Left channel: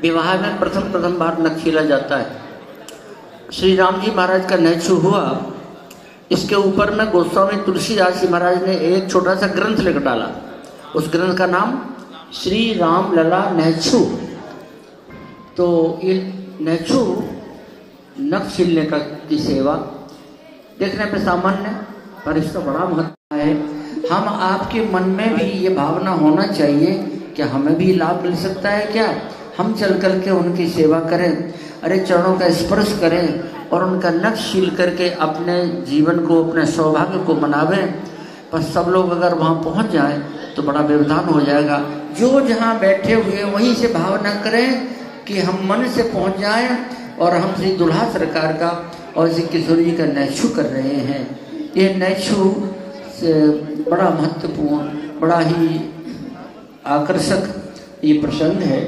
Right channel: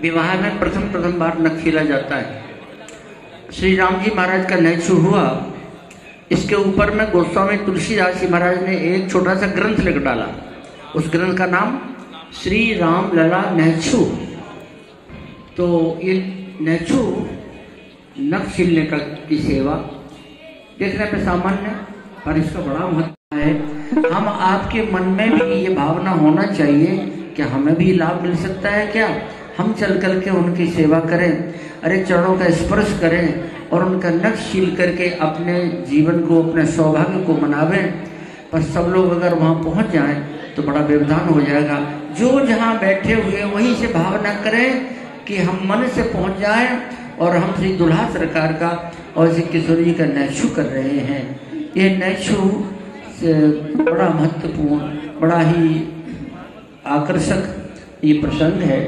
विवाह में प्रथम बार नख खीला जाता है। श्री राम जी महाराज का नैछु हुआ, इसके ऊपर में गोस्वामी तुलसीदास जी महाराज ने एक छोटा सा ग्रंथ लिख डाला। उस ग्रंथ का नाम श्री राम लला नैछु। तो ये नैछु नख छीलने का की सेवा देखने में सामान्य, पर इसका बड़ा महत्व है। हम आपके मन में भी ये भावना होना चाहिए कि हमें भी लाभ मिल सकता है क्या, हम चल करके उनकी सेवा करें, अरे चरणों का स्पर्श करें और उनका नख छील करके अपने जीवन को, अपने सौभाग्य को मनावें। पर सब लोग अगर वहाँ पहुँच जाएं तो बड़ा व्यवधान हो जाएगा। जो जहाँ बैठे हुए वहीं से भावना करें कि हम मन से पहुँच जाएं और हम श्री दुल्हा सरकार का और श्री किशोर जी का नैछु कर रहे हैं। ये नैछु से बड़ा महत्वपूर्ण, बड़ा ही आकर्षक ये प्रसंग है।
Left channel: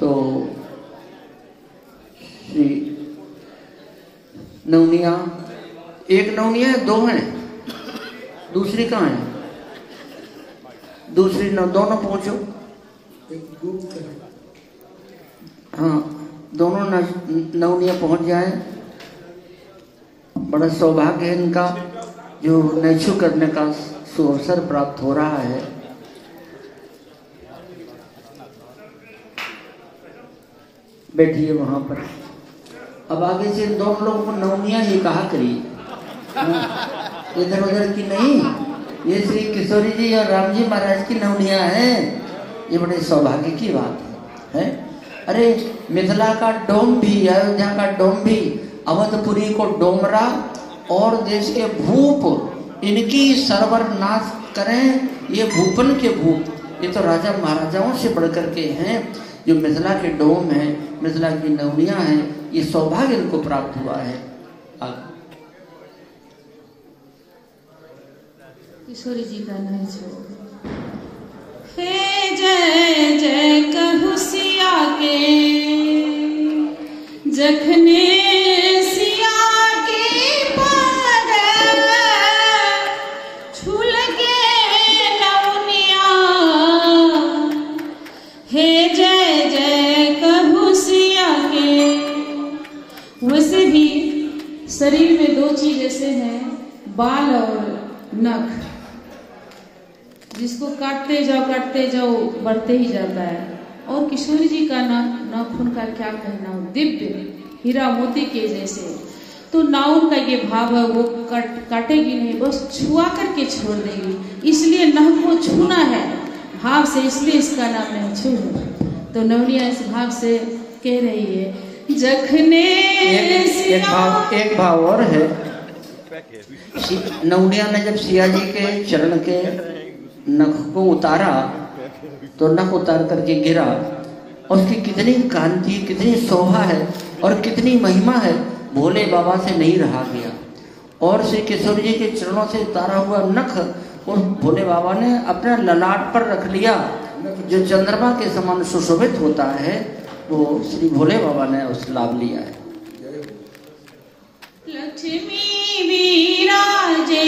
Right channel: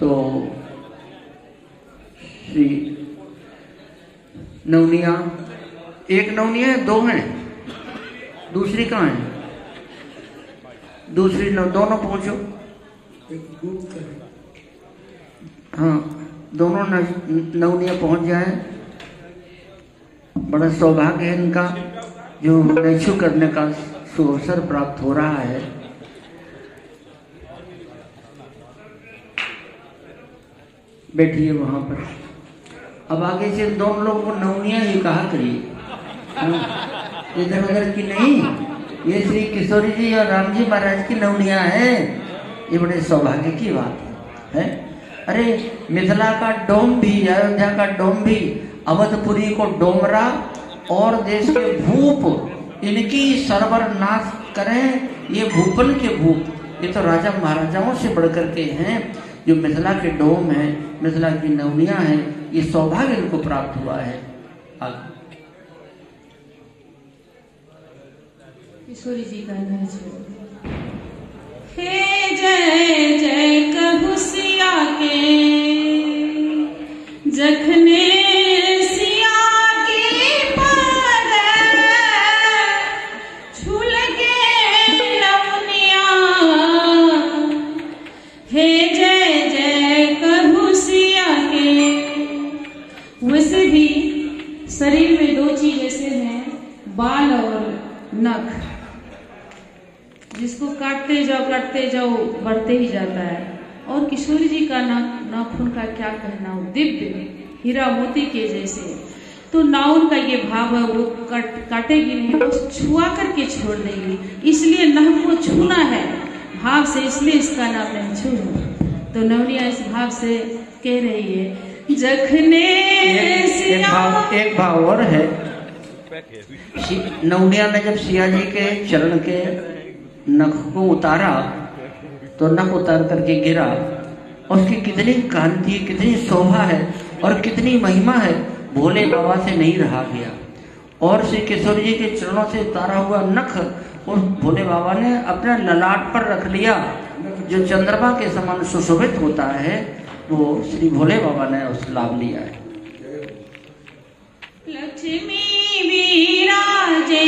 तो श्री नवनिया, एक नवनिया है, दो हैं, दूसरी कहाँ है? दूसरी दोनों पहुंचो। हाँ, दोनों नवनिया पहुंच जाए। बड़ा सौभाग्य है इनका जो नैछु करने का अवसर प्राप्त हो रहा है। बैठिए वहां पर। अब आगे से दोनों लोगों को नवनिया ही कहा करिए, इधर उधर की नहीं। ये श्री किशोरी जी और राम जी महाराज की नवनिया है। ये बड़े सौभाग्य की बात है। अरे मिथिला का डोम भी, अयोध्या का डोम भी, अवधपुरी को डोमरा और देश के भूप इनकी सर्वनाश करें। ये भूपन के भूप, ये तो राजा महाराजाओं से बढ़कर के हैं। जो मिथिला के डोम है, मिथिला की नवनिया है, ये सौभाग्य इनको प्राप्त हुआ है। किशोरी जी का नैछु। हे जय जय कहु सिया के, जखने सिया की पाद छूल के नवनिया। हे जय जय कहु सिया के। वैसे भी शरीर में दो चीज ऐसे हैं, बाल और नख, जिसको काटते जाओ बढ़ते ही जाता है। और किशोर जी का नाखून का क्या कहना, दिव्य हीरा मोती के जैसे। तो नाउन का ये भाव है, वो काटेगी नहीं, वो छुआ करके छोड़ देगी। इसलिए नख को छूना है भाव से, इसलिए इसका नाम नैछु है। तो नवनिया इस भाव से कह रही है जखने एक भाव और है। नौनिया ने जब सिया जी के चरण के नख को उतारा तो नख उतार करके गिरा, उसकी कितनी कांति, कितनी शोभा है और कितनी महिमा है, भोले बाबा से नहीं रहा गया। और श्री किशोर जी के चरणों से उतारा हुआ नख उस भोले बाबा ने अपना ललाट पर रख लिया। जो चंद्रमा के समान सुशोभित होता है वो श्री भोले बाबा ने उस लाभ लिया है। लक्ष्मी विराजे